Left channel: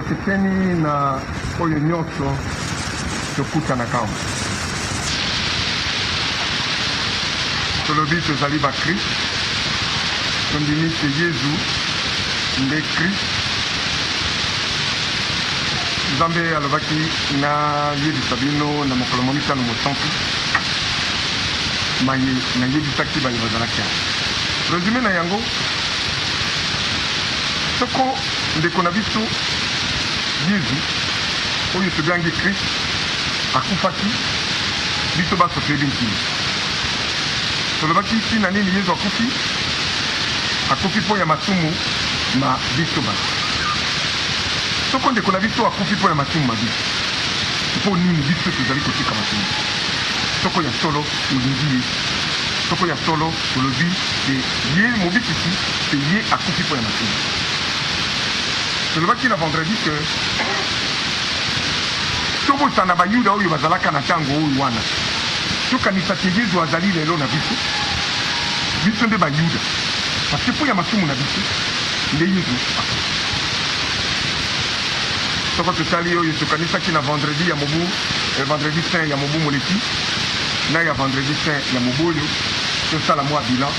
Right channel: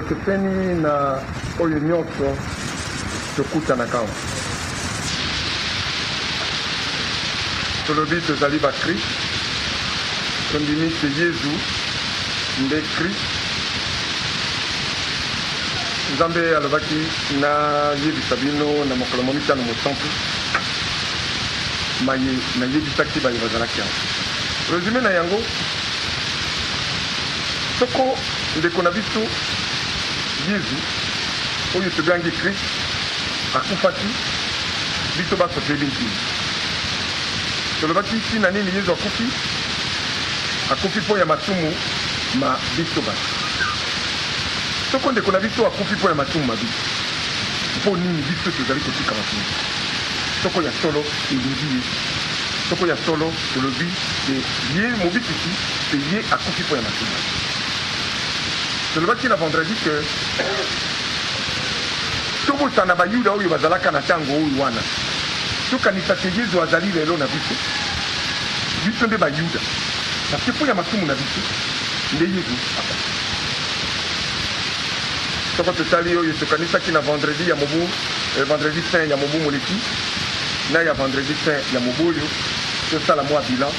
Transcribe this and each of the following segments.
toketeni na oyo nyonso tokutanaka awa. Tolobi tozali bakristo, tondimi te Yesu nde Kristo. Nzambe alobaki na yebisa bino na mokolo mo mitano mosantu maye na yebisaki baye bazalaki awa. Resume na yango, soko ndeko na biso Yesu oyo tobengi Kristo akufaki biso baso toyebi ntini. Tolobaki ntina nini Yesu akufi mpo ya masumu na biso bana. Soko ndeko na biso akufi mpo ya masumu na biso, mpo nini biso tozali kotika masumu? Soko ya solo olingi ye, soko ya solo olobi ye mobikisi te ye akufi mpo ya masumu. Tolobaki na vendredi ke tobosana bayuda oyo bazalaka na ntango oyo wana, tokanisa te Yesu azali lelo na biso, biso nde bayuda, parce mpo ya masumu na biso nde Yesu akufi. Soko totali oyo tokanisaki na vendredi ya mobu, vendredi saint ya mobu moleki na ya vendredi saint ya mobu oyo tosala mwa bilan,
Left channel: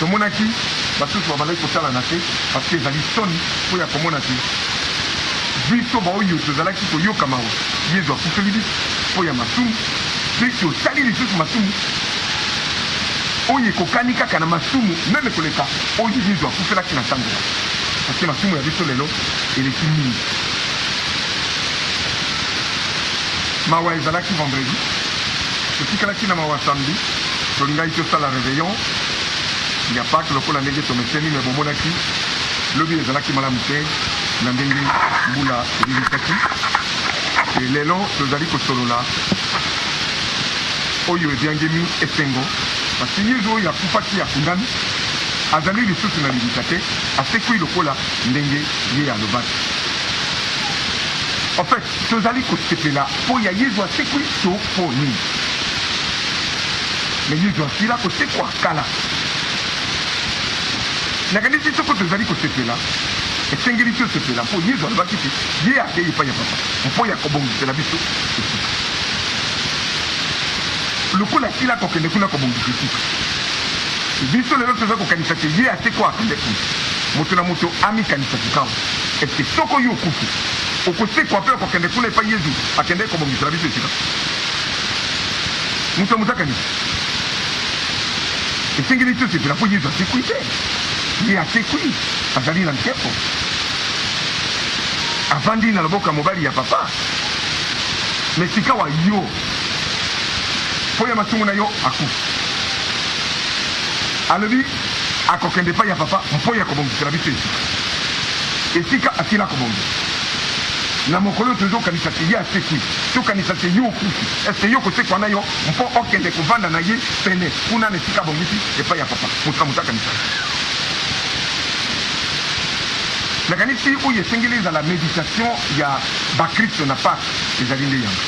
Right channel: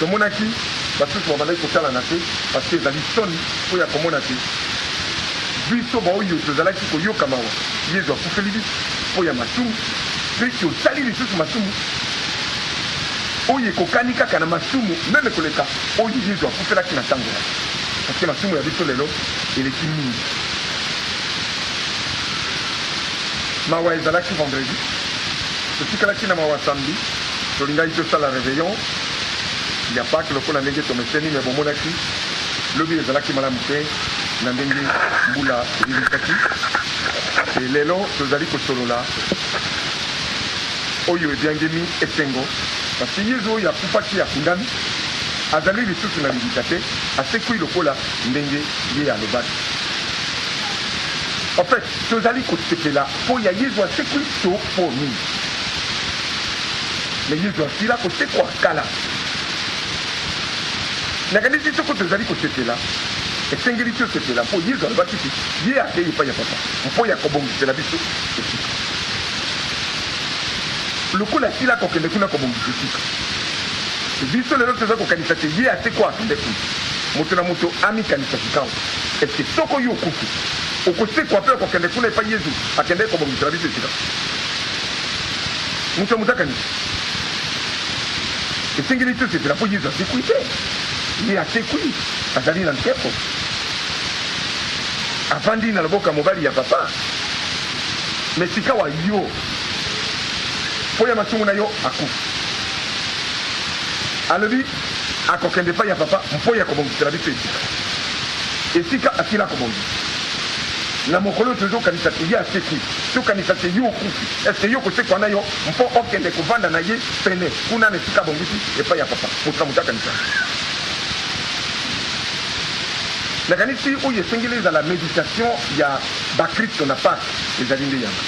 tomonaki basusu babandaki kotala na te parce ezali soni mpo ya komona te biso baoyo tozalaki koyoka mawa Yesu akufeli biso mpo ya masumu, mpe tosali lisusu masumu oyo ekokani kaka na masumu meme koleka oyo Yesu akufelaki na ntango wana, parce masumu ya biso lelo eleki mingi. Mawa ezalaki vendredi, totikalaki na mawa samedi, tolingai tosala réveillon ya Pâques lokola ndenge tomeseni, me bomonaki lobi ezalaki malamu te na ndenge mbula elilisaki. Lelo tozali kosolola oyo ebyangemi esengo, parce Yesu oyo akufaki akundami azali lisusu na libisa te, asekwi lokola ndenge ye alobaki. En fait, tozali kosepela mpo ya Yesu asekwi to mpo nini? Me Yesu asila kosekwa kala. Nakanisi soko tozali kosepela esengeli tosepela mpo Yesu alobaki te ye akei epai ya Papa mpo ya kobongisela biso esika. Lokola asila kokende kuna kobongisa esika, biso lelo toza kokanisa te ye asekwa akende kuna, moto na moto amikanisa tukawa eske soko yo okufi okosekwa mpe okokende kuna epai Yesu akende kobongisela biso esika. Moto ya moto akanisa esengeli tosepela mpo Yesu asekwi te, ye asekwi azali na ntempo avandi na loboko ya mobali ya Papa. Me sika wa yo mpo ya masumu na yo akufi, alobi akokende epai ya Papa mpo ya kobongisela biso esika. Esika asila kobongisa na mokolo tozokanisa te ye asekwi, tokanisa te yo okufi, eske yo kosekwa na yo mpo okende kovanda na ye pene kuna na esika bongisi epai ya Papa. Moto moto akanisa nakanisi oyo esengeli ezala méditation ya bakristo na Pâques, ezali nde yango,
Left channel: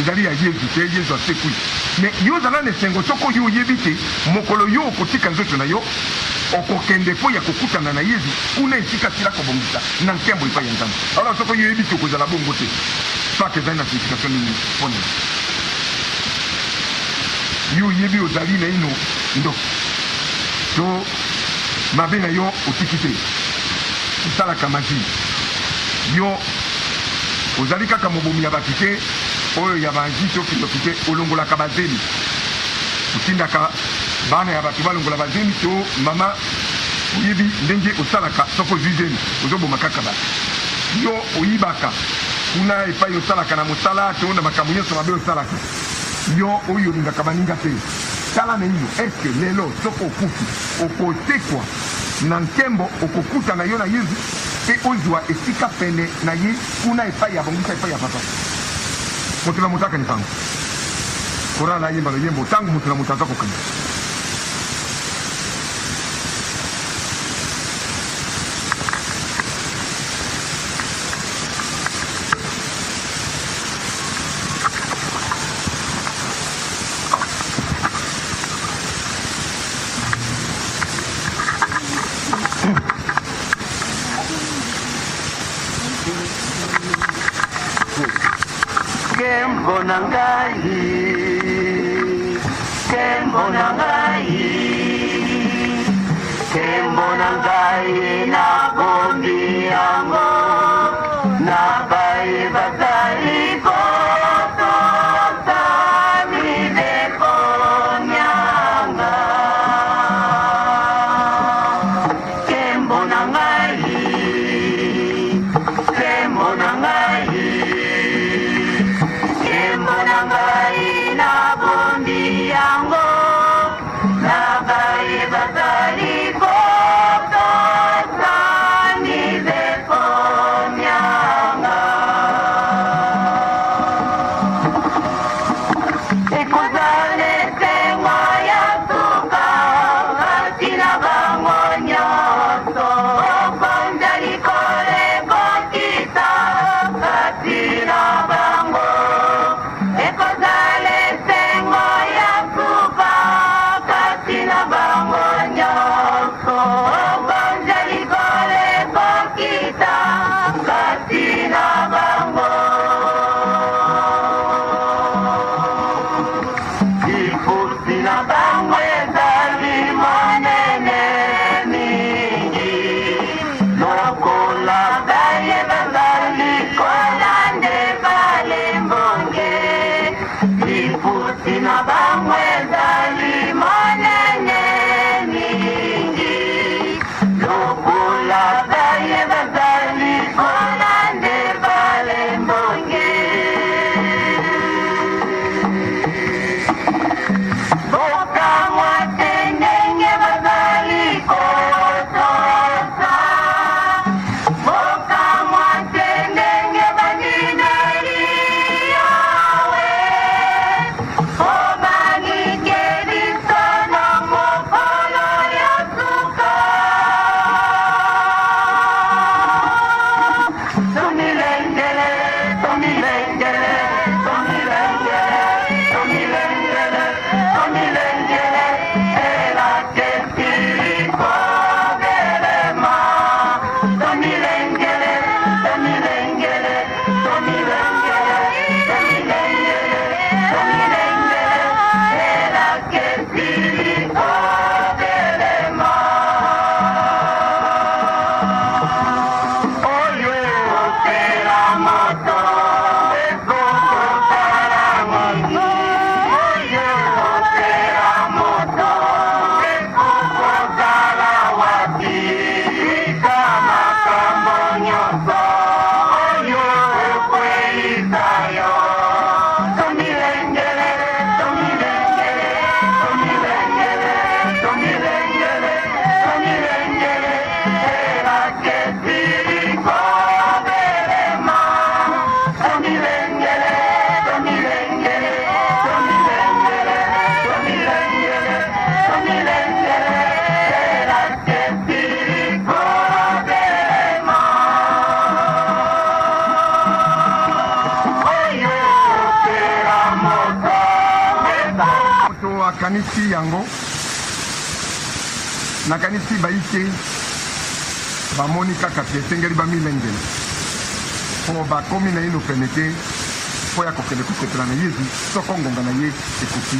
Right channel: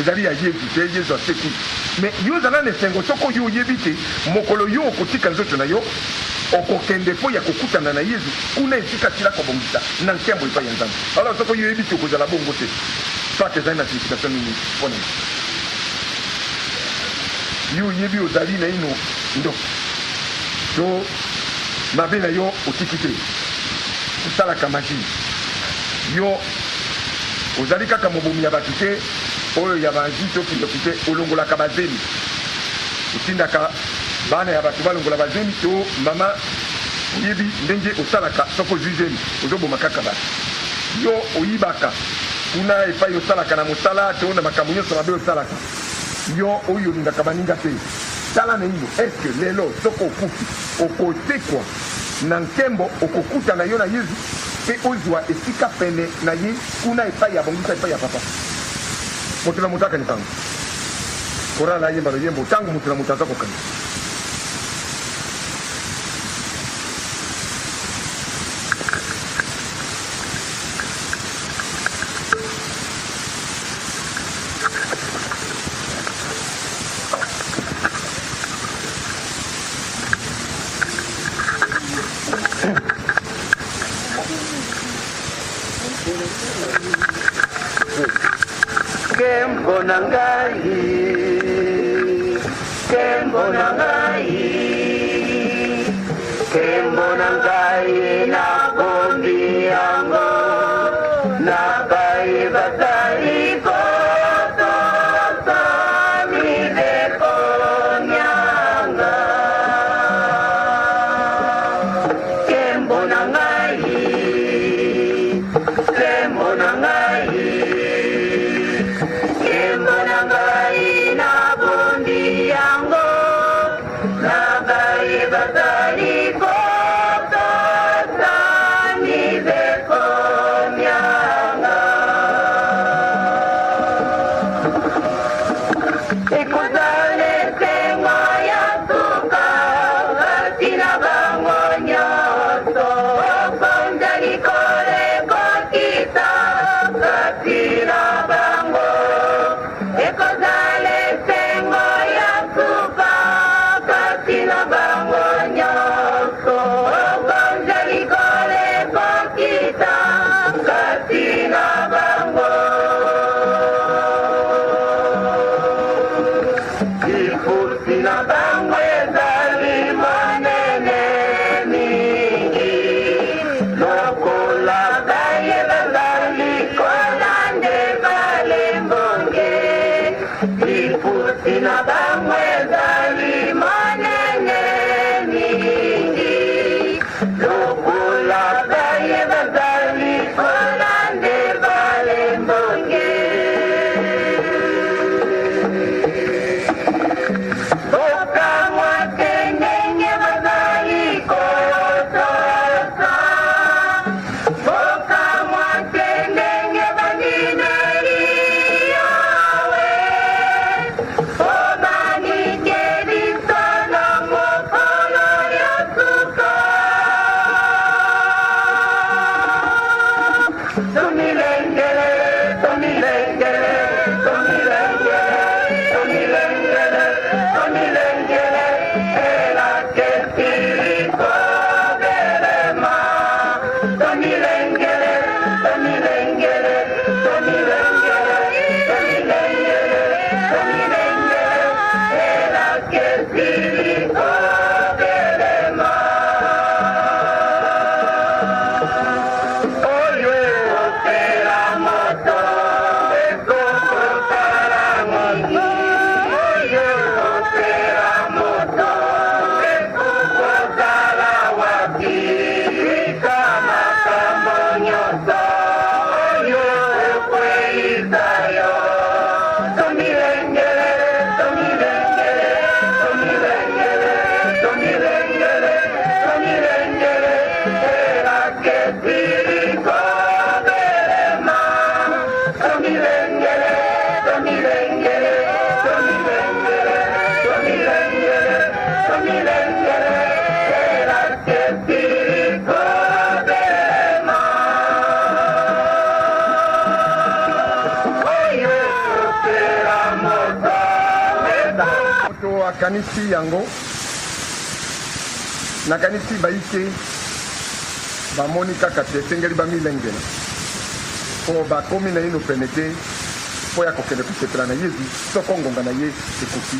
ezali ya Yesu te Yesu asekwi. me yo ozala na esengo soko yo oyebi te mokolo yo okotika nzoto na yo okokende mpo ya kokutana na Yesu kuna esika asila kobongisa na nkembo epai ya Nzambe. Alors soko yo oyebi te okozala bongo te, Pâques ezali na signification nini mpona yo oyebi ozali na ino ndo to mabe na yo otiki te salaka maji, yo ozali kaka mobomi ya bato te oyo ya banzi soki yoki te olongolaka bazeli, otindaka bana ya bato balongola bazeli to mama oyebi ndenge osalaka soko ozwi zeli ozoboma kaka bato, yo oyibaka kuna epai osalaka na mosala to na makambo nyonso mabe osalaka, yo oyo olingaka baninga te. Tala na ino eske lelo soko okufi okotekwa na nkembo okokutana yo na Yesu mpe ozwa esika pene na ye kuna epai ya bongisa epai ya Papa. Moto na moto akanisa korala yemba loyembo ntango moto na moto aza kokanisa. Kembo na ngai, kembo na ngai, kembo na ngai na bondi yango, na bai batali koto tani de konyanga. Kembo na ngai, kembo na ngai. Nakanisi yango nakanisi baike bamoni kaka te esengeli bamilengela mpo bakomi na ino pene te mpo ya kokende kopetola na Yesu soko ngonga na ye ekoki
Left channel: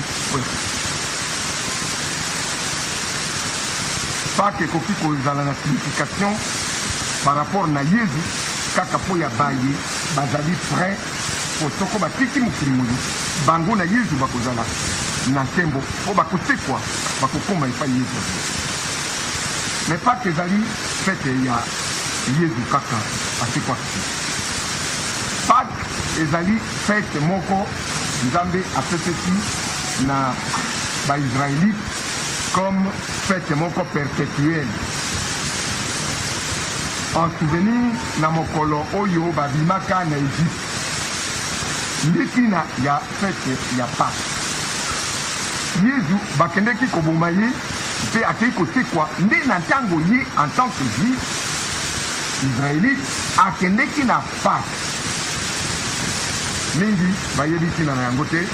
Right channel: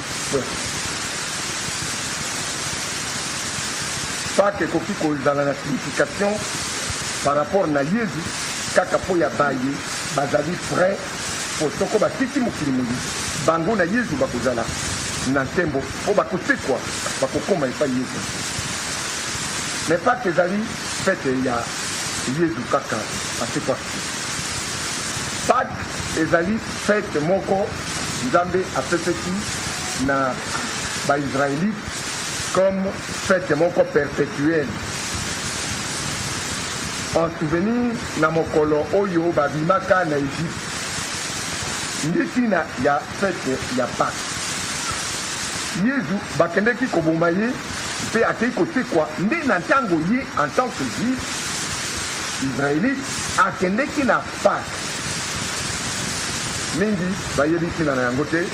pake ekoki kozala na signification par rapport na Yesu kaka mpo ya baye bazali frais mpo soko batiki mokili moyi bango na Yesu bakozala na ntembo mpo bakosekwa bakokoma epai Yesu. Mais Pâques ezali fete ya Yesu kaka asekwaki. Pâques ezali fete moko Nzambe apesaki na baisraélite comme fete moko perpétuelle en souvenir na mokolo oyo babimaka na Égypte. Ndikina ya fete ya Pâques. Yesu bakendeki koboma ye mpe akei kosekwa nde na ntango ye en tant que juif israélite akendeki na Pâques. Mingi bayebi ntina na yango te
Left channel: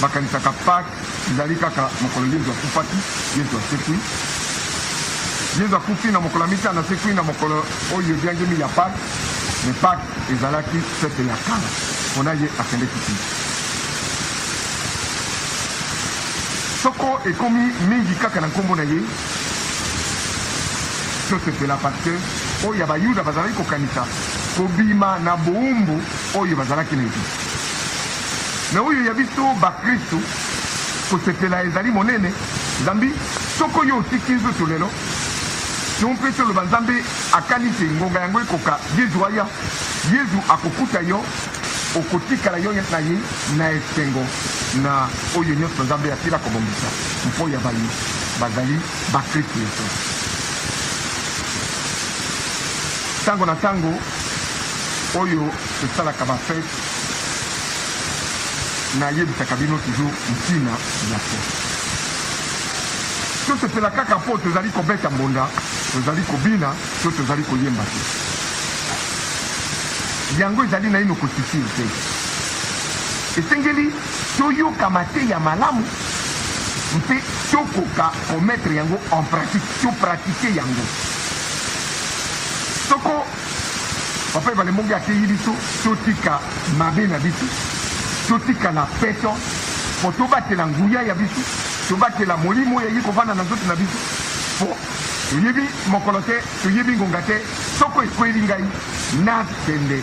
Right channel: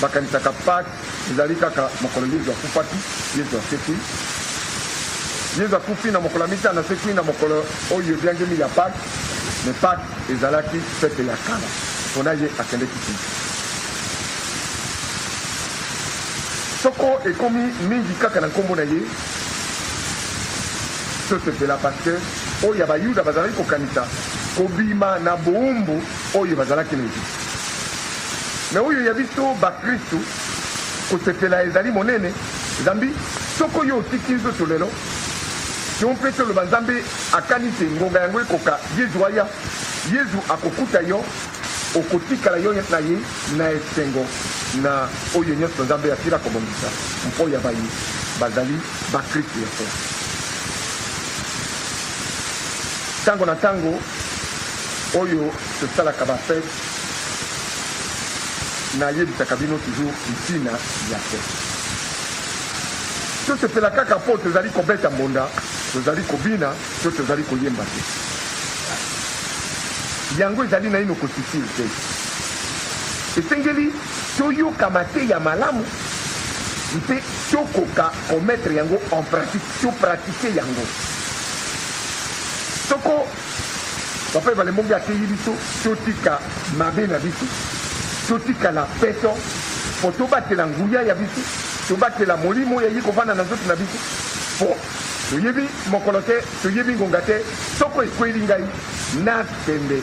bakanisaka Pâques ezali kaka mokolo Yesu akufaki Yesu asekwi. Yesu akufi na mokolo ya mitano asekwi na mokolo oyo ebyangemi ya Pâques me Pâques ezalaki fete ya kala mpona ye akendeki kuna. Soko ekomi mingi kaka na nkombo na ye tosepela parce oyo ya bayuda bazalaki kokanisa kobima na bowumbu oyo bazalaki na Egypte. Me oyo ya biso bakristu kosepela ezali monene. Nzambi soko oyo otiki nzoto lelo tompe toloba Nzambe akanisi ngonga yango ekoka Yesu aya Yesu akokuta yo okotikala yo na ye na esengo na oyo nyonso Nzambe asila kobongisa mpo ya bayi bazali bakristu ya so. Tango na tango oyo esalaka bafete nayebisaka bino toujours ntina ya fete. Tosepela kaka mpo tozali kobeta mbonda, tozali kobina, to tozali koyemba te. Yango ezali na ino kosifiri te. Esengeli toyokama te ya malamu mpe tokoka kometre yango en pratique, topratike yango. Soko papa ebalemongi ateyi biso totika mabe na biso, totika na peto po tobatela nguya ya biso, tobatela molimo oyo ayi kovanda na nzoto na biso po toyebi mokolo te, toyebi ngonga te. Soko ekweli ngai nakende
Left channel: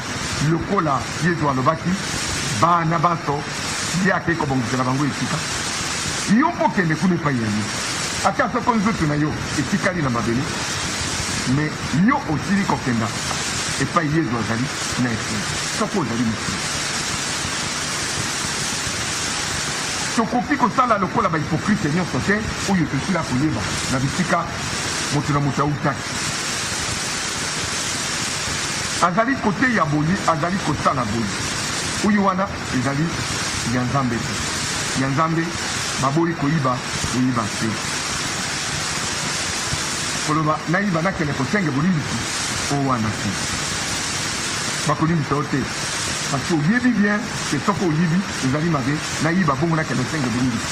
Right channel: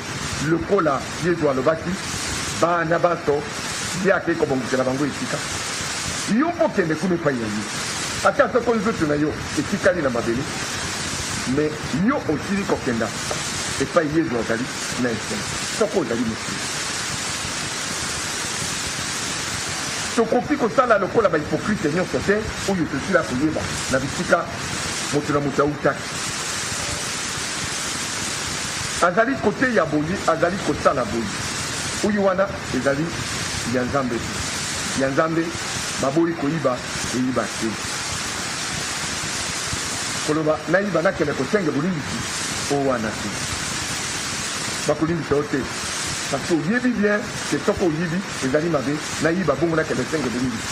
lokola Yesu alobaki bana baso yake kobongisela bango esika yo mpo kende kuna epai ya ye ata soko nzoto na yo etikali na mabele me yo osili kokenda epai Yesu azali na esengo soko ozali mosili. Tokoki kosala lokola bahipokrite nyonso te oyo tosila koyeba na bisika moto na moto autaki. Azali kote ya boyi, azali kosala boyi. Oyo wana ezali ya Nzambe te. Ya Nzambe baboyi koyiba koyiba te. Koloba nayiba nakende kosenge bolimbisi o wana te. Bakolimbisa o te. Parce que oyebi bien que soko oyebi ezali mabe nayiba bongo nakende senge bolimbisi.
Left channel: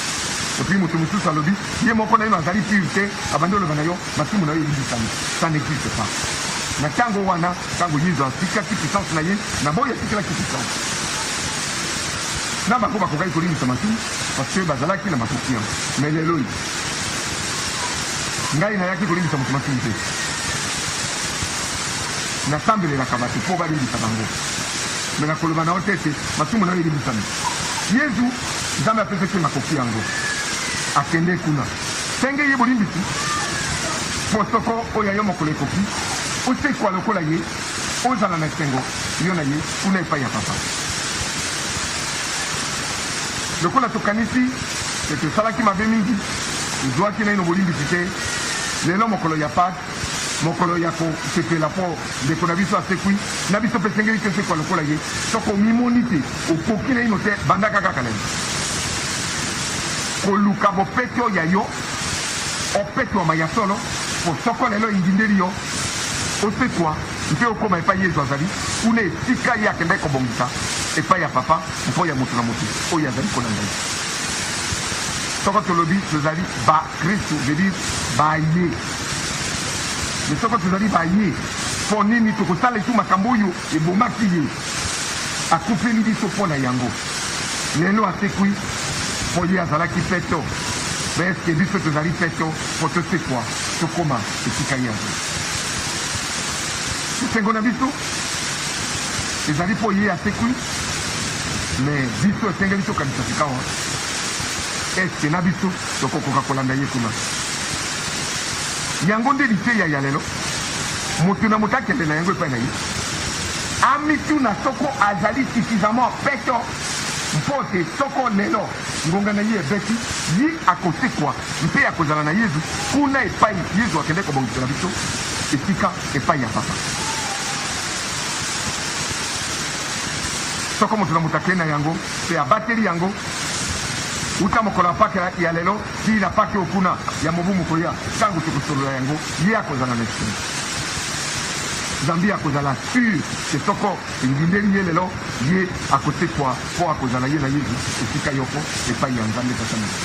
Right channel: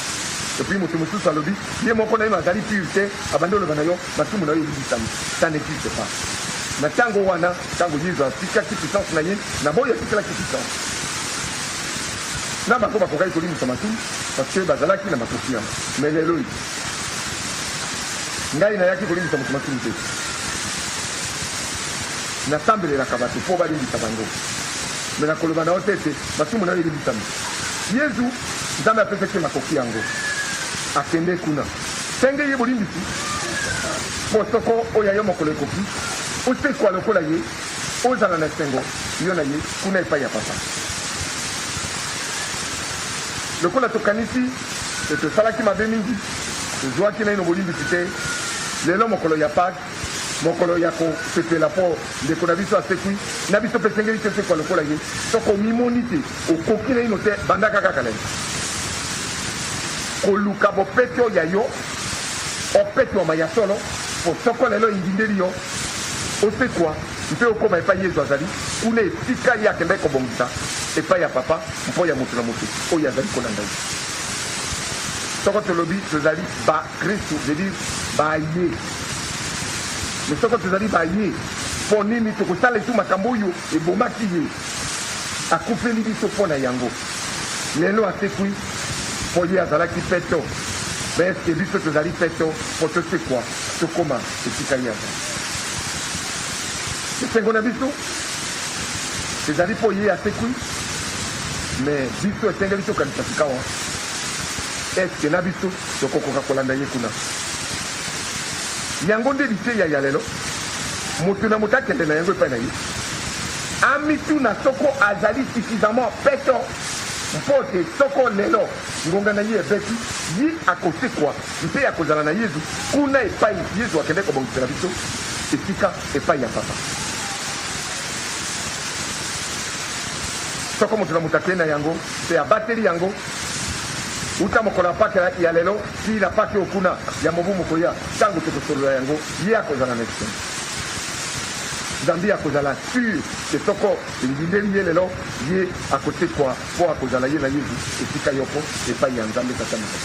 Et puis moto mosusu alobi ye moko na ye azali pure te abandi oloba na yo masumu na yo eyibisami. Ça n'existe pas. Na tango wana tango Yesu atikaki puissance na ye na boyo atikalaki puissance na bango bakokaki kolimbisa masumu parce que bazalaki na makoki yango. Mais lelo ngai nayaki kolimbisa moto masumu te, nasambelelaka bato mpo balimbisa bango. Me nakoloba na yo te ete masumu na yo elimbisami. Yesu Nzambe apesaki makoki yango akende kuna senge ye bolimbisi mpo soko oyo yo mokolo ekoki osekwa lokola ye ozala na esengo yo na ye kuna epai ya papa. Lokola tokanisi tosalaki mabe mingi tozwaki na ino bolimbisi te, lelo mokolo ya Pâques mokolo ya kosepela mpo ndeko na biso asekwi na biso mpe esengeli tosekwa lokola ye soko mimoni te okoki na ino te bandaka kaka lelo koluka bopeto ya yo opetwama ya solo po soko lelo indindeli yo osekwa mpe okoma epai Yesu azali kuna esika ye akende kobongisa epai ya papa mpo ya moto na moto oyo azali kolanda ye. Soko tolobi tozali bakristu veut baye me soko tozali baye mpo nini tokosala etu makambo oyo ebomaki ye akufeli biso mpo na yango lelo asekwi mpo ye azalaki peto. Me eske biso tozali peto mpo tosekwa tokoma esika ye azali. Esengo na biso ezali mpo ye asekwi me biso esengeli tokanisa sikawa eske na biso tokokoka kolanda ye kuna. Yango nde liteya ya lelo moto na moto akende na yango epai na ye amituna soko azali suffisamment peto mpo te soko lelo ngonga na ye ebeti ye akosekwa mpe akozala na Yesu kuna epai Yesu akende kobongisela biso esika epai ya papa. Soko moto na moto akende na yango mpe abateli yango uta mokolo ya Pâques ya lelo kila Pâques okuna ya mobu mokolo ya ntango tokosolola yango ye akozala na esengo. Nzambe akozala sur ke soko elindeli ye lelo ye akosekwa mpo akozala ye na Yesu esika yoko epai ya Nzambe tata moto.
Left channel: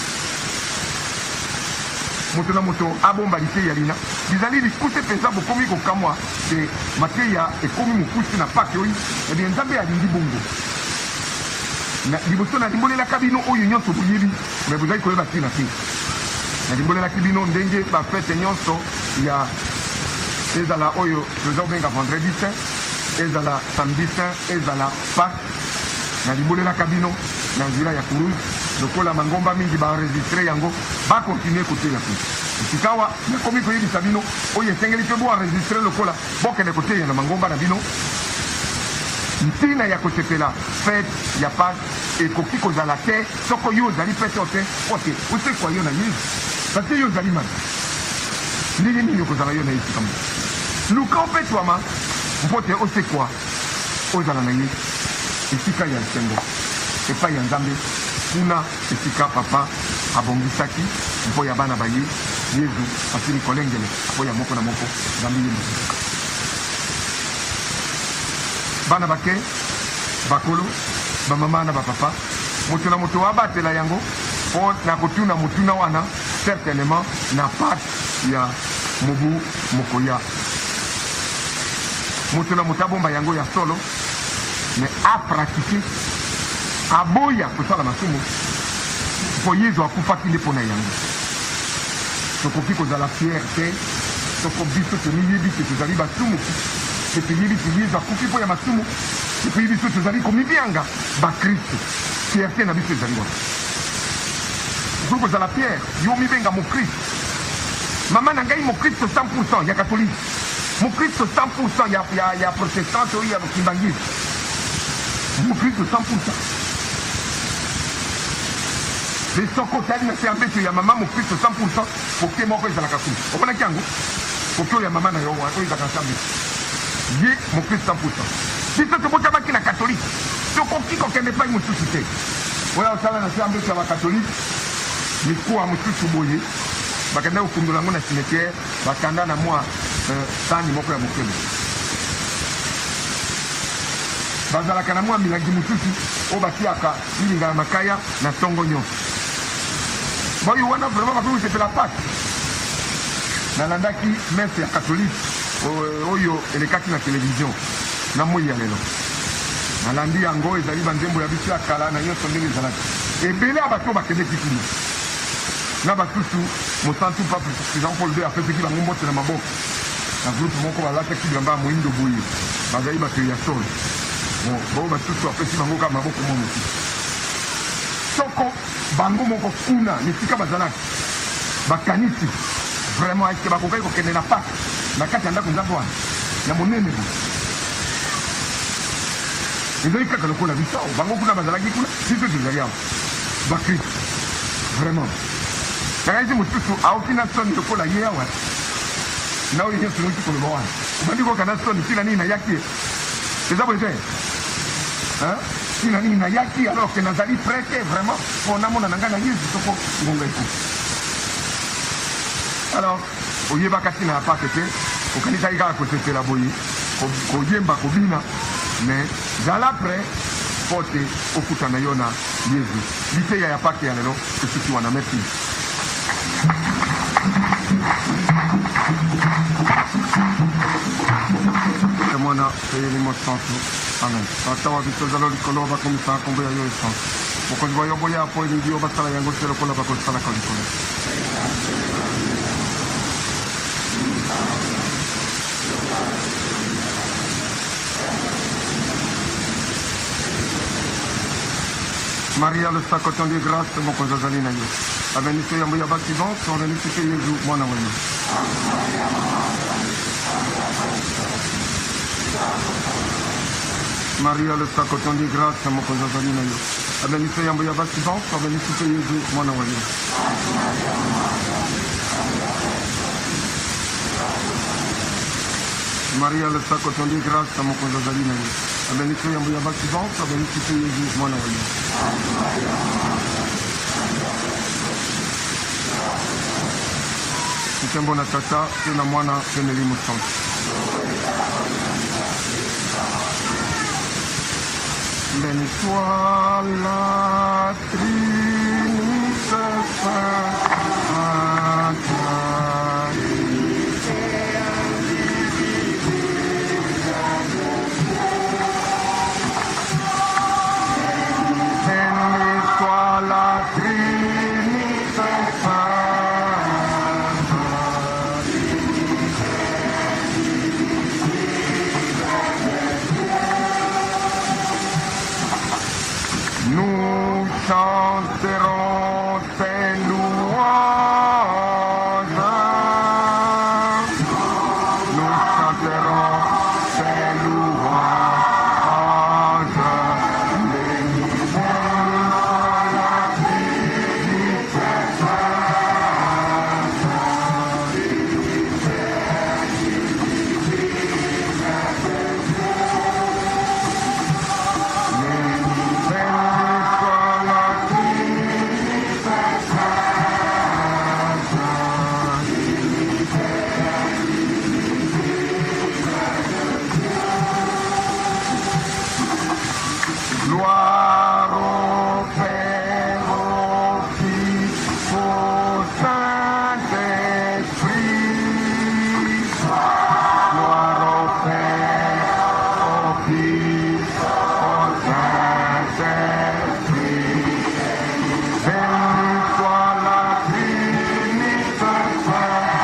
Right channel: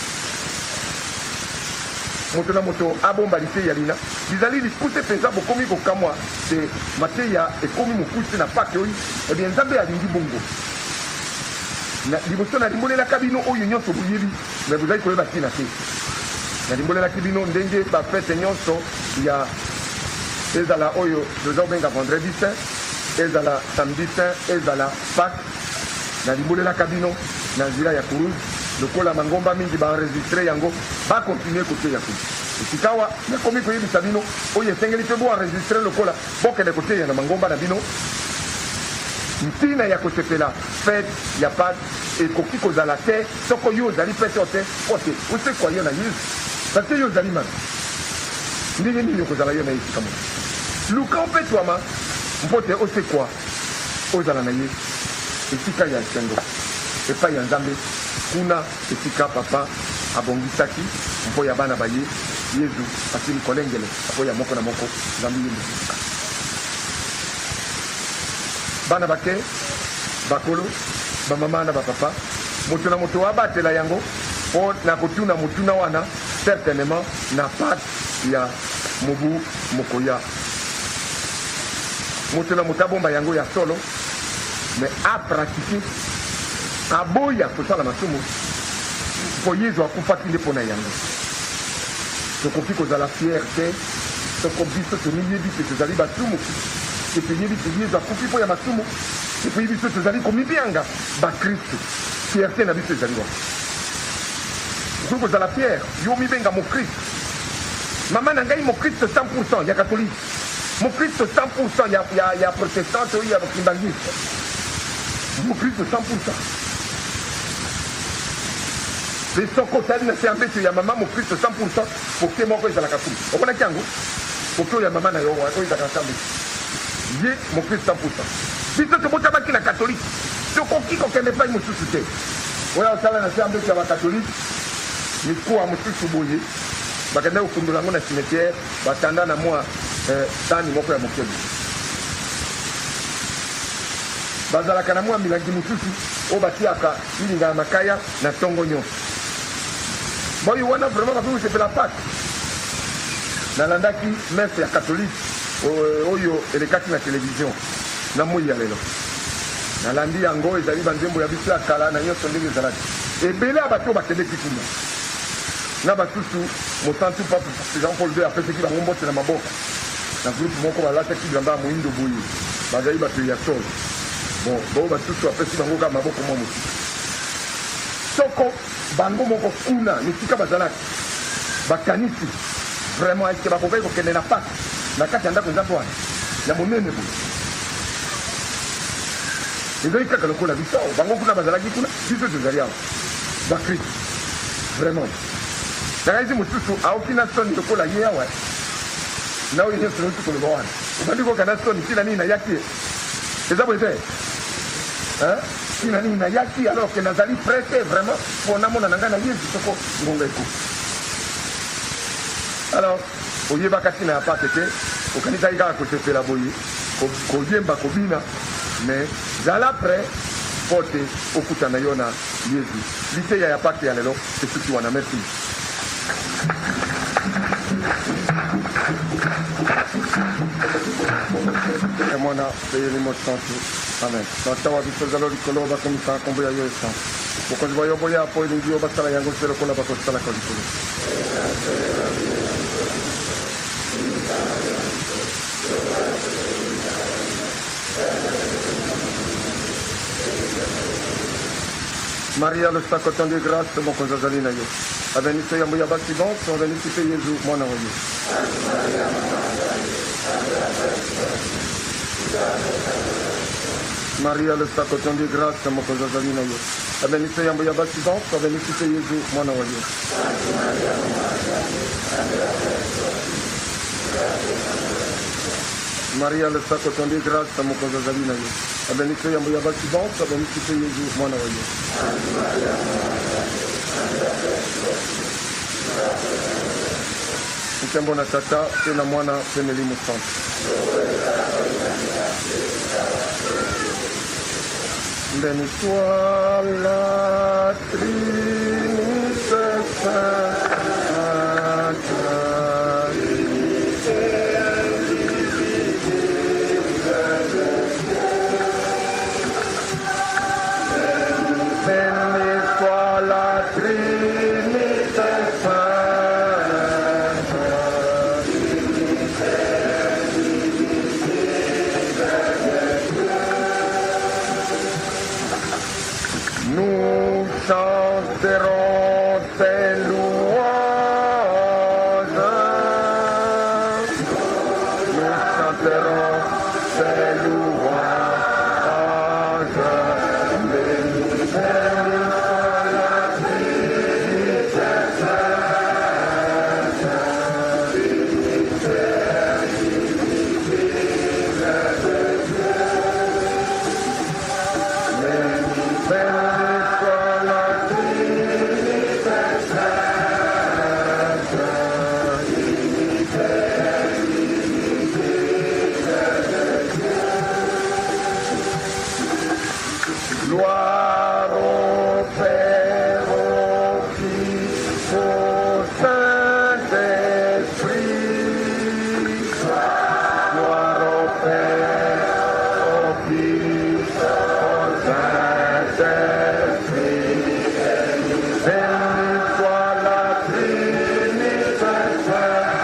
moto na moto abomba liteya lina bizali likuse mpenza bokomi kokamwa te mateya ekomi mokuse na pake oyo ebie nzambe alingi bongo liboso nalimbolelaka bino oyo nyonso boyebi me bozali koyeba ntina te nalimbolelaki bino ndenge bafete nyonso ya ezala oyo toza kobenga vendredi saint ezala samedi saint ezala pâque nalimbolelaka bino na nzela ya kurunzi lokola mangomba mingi baenregistre yango bakontinue koteya kuna esika awa nakomi koyebisa bino oyo esengeli mpe boenregistre lokola bokende koteya na mangomba na bino ntina ya kosepela fete ya pâque ekoki kozala te soko yo ozali pete o te po te osekwa yo na yesu parce yo ozali mabe ndenge nini okozala yo na ye esika moko luka opetwama mpo te osekwa ozala na ye esika ya nsengo epai ya nzambe kuna esika papa abongisaki mpo ya bana baye yesu asili kolengele mpo ya moko na moko nzambe ye mosusu bana bake bakolo bamama na bapapa moto na moto abatela yango mpo na kotuna motuna wana certainement na pate ya mobu mokoya moto na moto abomba yango ya solo me apratike aboya kosala masumu mpo yesu akufaki nde mpo na yango tokoki kozala fiere te soko biso tomiyebi te tozali basumuki te toyebi te yesu akufi mpo ya masumu te toyebi biso tozali komibianga bakristo fierté na biso ezali wana okoki kozala pierre yo mibenga mokristo mama na ngai mokristo 100% ya katolike mokristo 100% ya protestante oyo ya bokimbangisi mokristo 100%. Le soko tali na se mbeto ya mama mokristo 100% poke moko ezalaka kuna omonaki yango poke oyo ya mama na yo oyo ezalaka se mbeto ye mokristo 100%. biso tobotamaki na katolike tokoki kokende epai mosusu te oyo osala na se mbeto ya bakatolike mikuwa mosusu boye bakenda kofundola yango na cimetière bakanda na mwa sani moko ya mokeli bazalaka na mwa milangi mosusu oyo batiaka milinga ya makaya na songo nyonso boyo wana vraiment bakoki kosepela pate nalandaki mese ya katolike oyo elekaki na televizio na moi ya lelo nalandi yango ezali banzembo ya biso ya kala na nyonso ndenge ezalaki ebele ya bato bakendeki kuna na basusu mosantu pape jean paul II apesaki bango mbote na maboko na groupe moko balataki bilamba ya moindo boye bazali bato ya solo bon bao basusu apesi bango kaka maboko mwa mosusu soko bango moko kuna nesika bazalaki bakanisi vraiment eske bakokaki kokende na pake na kati ya ndako nzambe wana ya monene boye ezali kaka lokola biso bango kuna bazalaki kuna biso tozali awa bakristo vraiment nakaisi mosusu aoki na soni lokola ye awa na oyo nyonso noki koloba wana obandi koka na soni tina nini nayaki eza boye te tina nini nayaki alors ke nazali prete vraiment mpo namona na ngai na yesu soko ngonga ekufi alors oyebaka ntina ya pake te okanisaki kaka kosepela boye koyemba kobina mais zala pre mpo te okutana yo na yesu liteya ya pake ya lelo esiki wana merci mwana elimo santu amen tata wa biso zalo likolo bakomisa nkombo ya yo esantu bokonzi bayomboli apo elingi yo basala yango te lokola bakosalaka likolo Maria, le sacotin de grâce, mon cousin Zalina yo. Abenite yambo ya baccident, sur bénéfice Jésus, mon envoyé. Maria, le sacotin de grâce, mon cousin Zalina yo. Abenite yambo ya baccident, sur bénéfice Jésus, mon envoyé. Maria, le sacotin de grâce, mon cousin Zalina yo. Abenite yambo ya baccident, sur bénéfice Jésus, mon envoyé. Tembo na tata tena mwana tena elimu santu. Béni soit la Trinité Sainte. chanterons tes louanges. Nous chanterons tes louanges. Gloire au Père, au Fils, au Saint-Esprit. Gloire au Père, au Fils, au Saint-Esprit. Béni soit la Trinité sainte.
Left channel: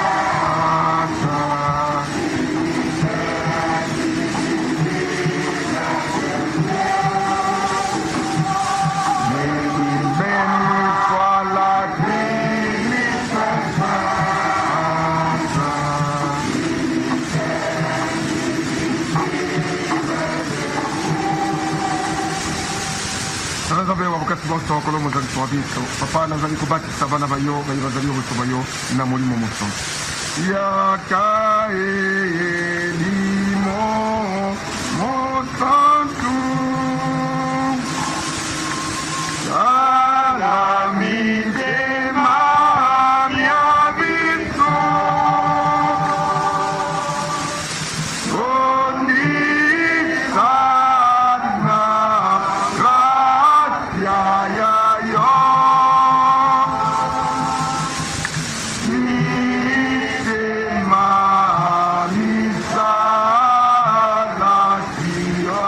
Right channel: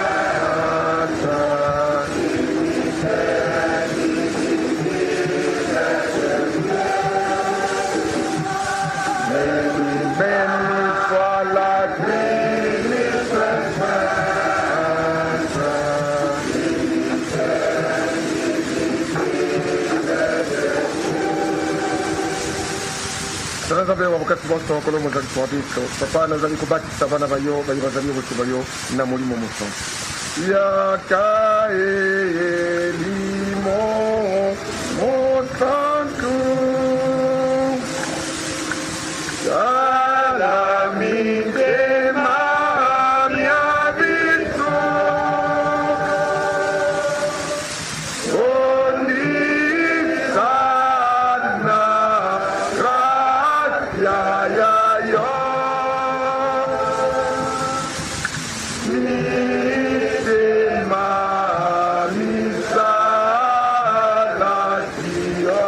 Béni soit la Trinité sainte. Turazabewa wakati bose wakolo muzalitwa biso papa nazali kubatisa abana bayo bali bazali bose bayo na mulimo muso yakaelimo mosantu salamide mamia biso onisana gracia yo misema misalacio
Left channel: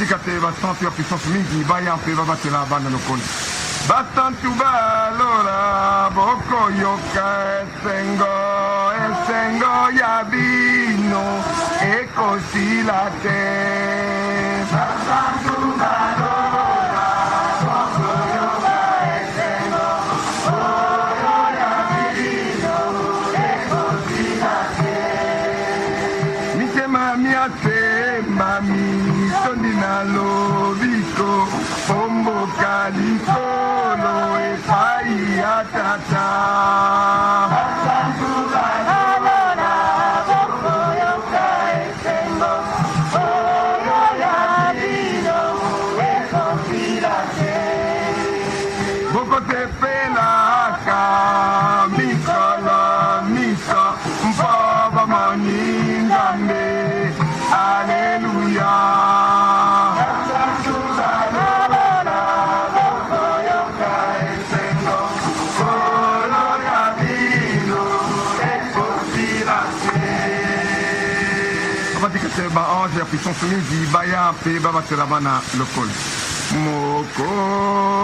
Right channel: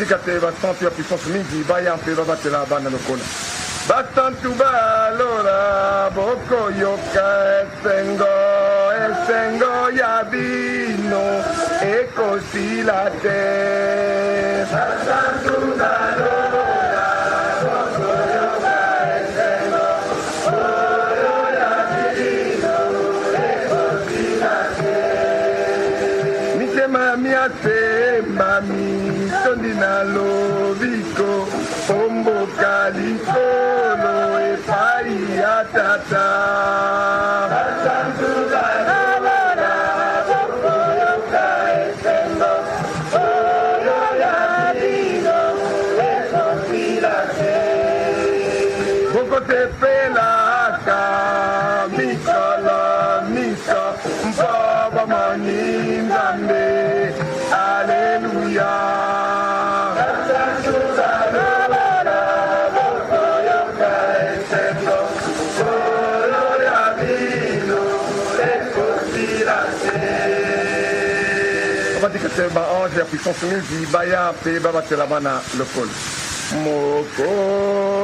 Badika te basantu ya puissance mingi baya mpe babatela bana lokola basantu balora boko yoka esengo ya bino ekosila te basantu balora boko yoka esengo ya bino ekosila te mitema miasemba mitondi na lobiko pomboka likolo epai ya tata basantu balora boko yoka esengo ya bino ekosila te boko tepelaka mikolo miso mpo bamoni nzambe aleluya basantu balora boko yoka esengo ya bino ekosila te babatika te baange ya puissance mingi baya mpe babatela bana lokolo mokosoli